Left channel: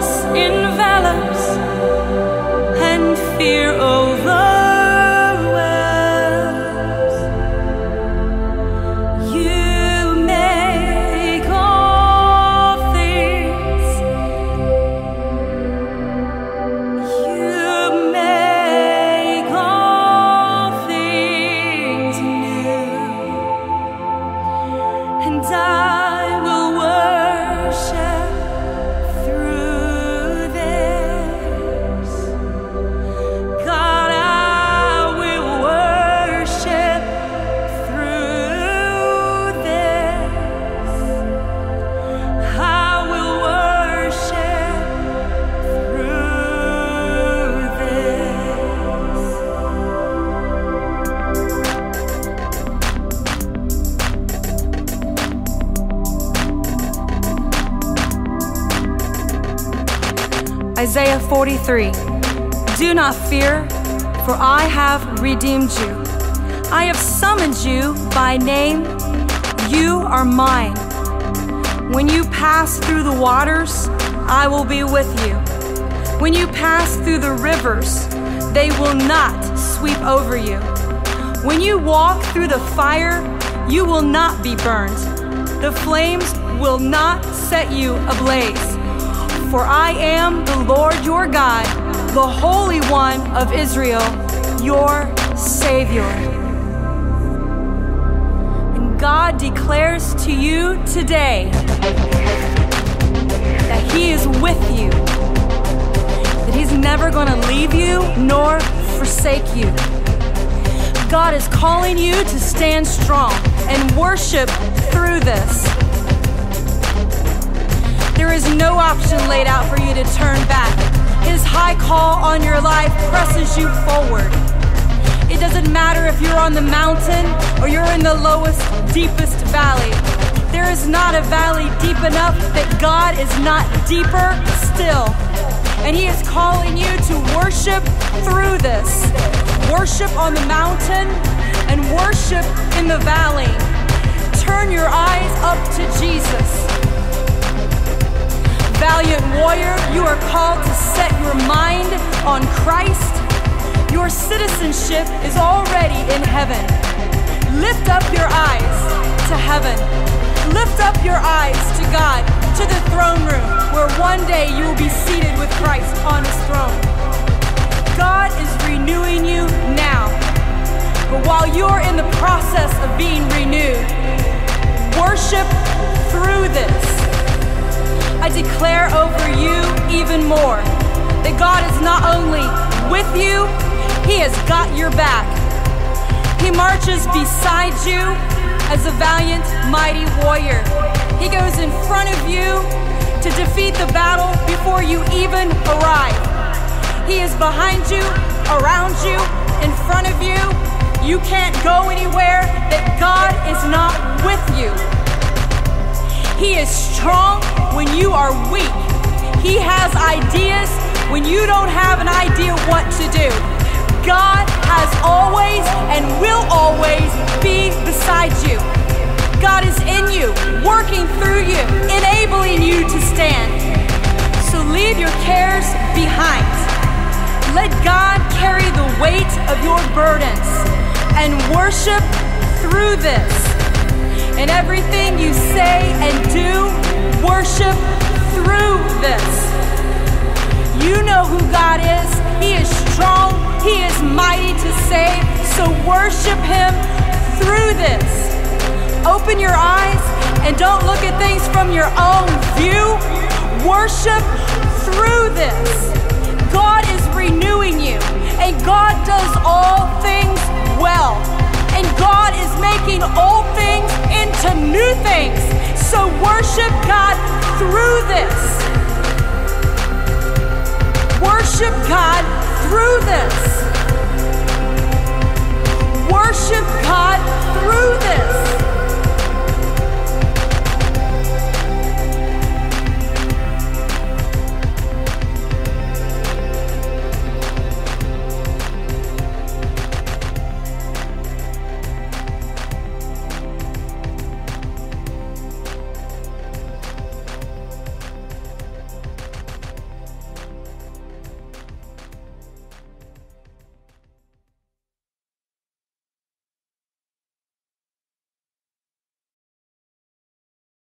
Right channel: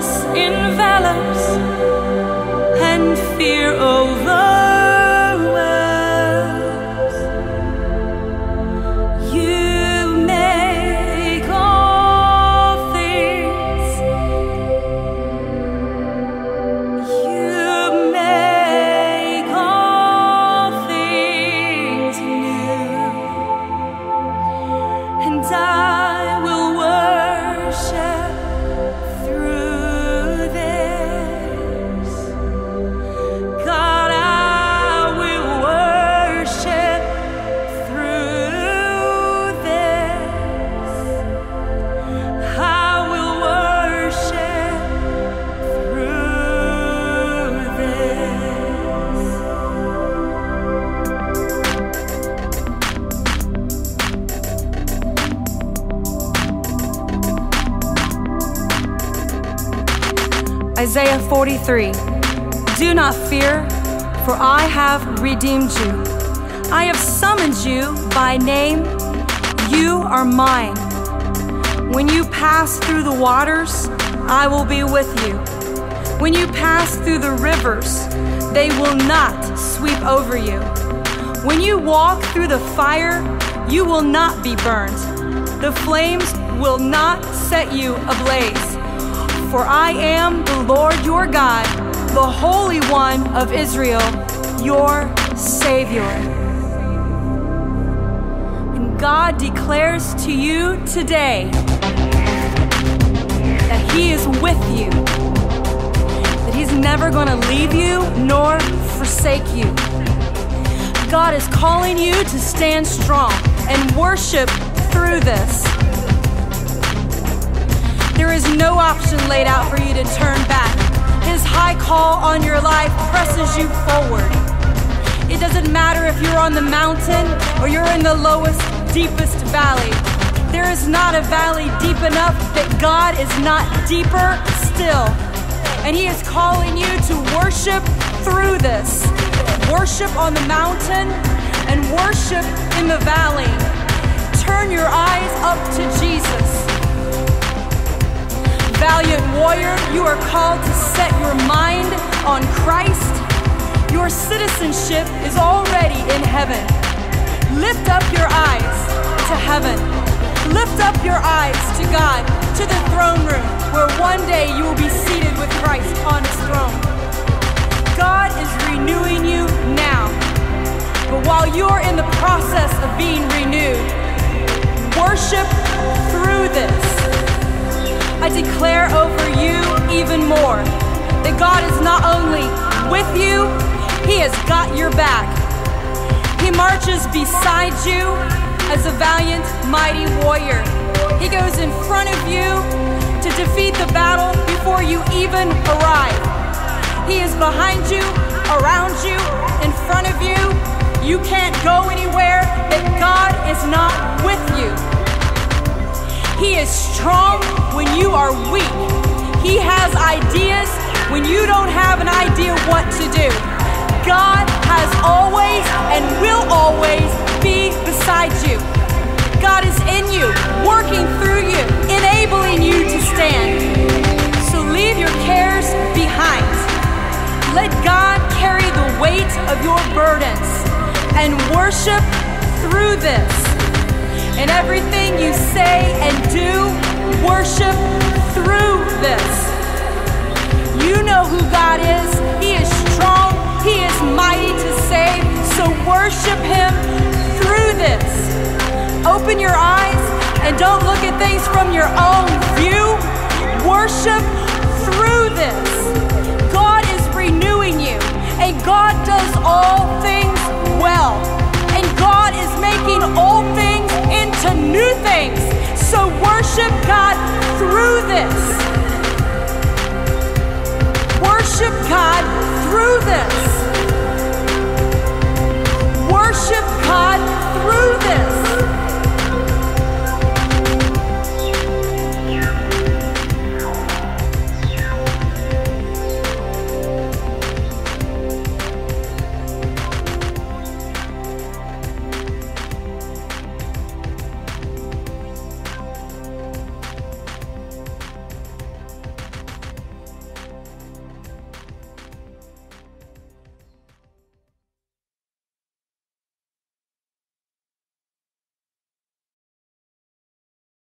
darkness envelops and fear overwhelms, you make all things, you make all things new, and I will worship through this. God, I will worship through this. I will worship through this. Isaiah 43. Do not fear, for I have redeemed you. I have summoned you by name. You are mine. When you pass through the waters, I will be with you. When you pass through the rivers, they will not sweep over you. When you walk through the fire, you will not be burned. The flames will not set you ablaze. For I am the Lord your God, the Holy One of Israel, your Savior. And God declares to you today that He is with you, that He's never going to leave you nor forsake you. God is calling you to stand strong and worship through this. There is no option laid out for you to turn back. His high call on your life presses you forward. It doesn't matter if you're on the mountain or you're in the lowest, deepest valley. There is not a valley deep enough that God is not deeper still. And He is calling you to worship through this. Worship on the mountain and worship in the valley. Turn your eyes up to Jesus. Valiant warrior, you are called to set your mind on Christ. Your citizenship is already in heaven. Lift up your eyes to heaven. Lift up your eyes to God, to the throne room, where one day you will be seated with Christ on His throne. God is renewing you now. But while you're in the process of being renewed, worship through this. I declare over you even more that God is not only with you, He has got your back. He marches beside you as a valiant, mighty warrior. He goes in front of you to defeat the battle before you even arrive. He is behind you, around you, in front of you. You can't go anywhere that God is not with you. He is strong when you are weak. He has ideas when you don't have an idea what to do. God has always and will always be beside you. God is in you, working through you, enabling you to stand. So leave your cares behind. Let God carry the weight of your burdens and worship through this. In everything you say and do, worship through this. You know who God is. He is strong. He is mighty to save. So worship Him through this. Open your eyes and don't look at things from your own view. Worship through this. God is renewing you, and God does all things well. And God is making old things into new things. So worship God through this. Worship God through this. Worship God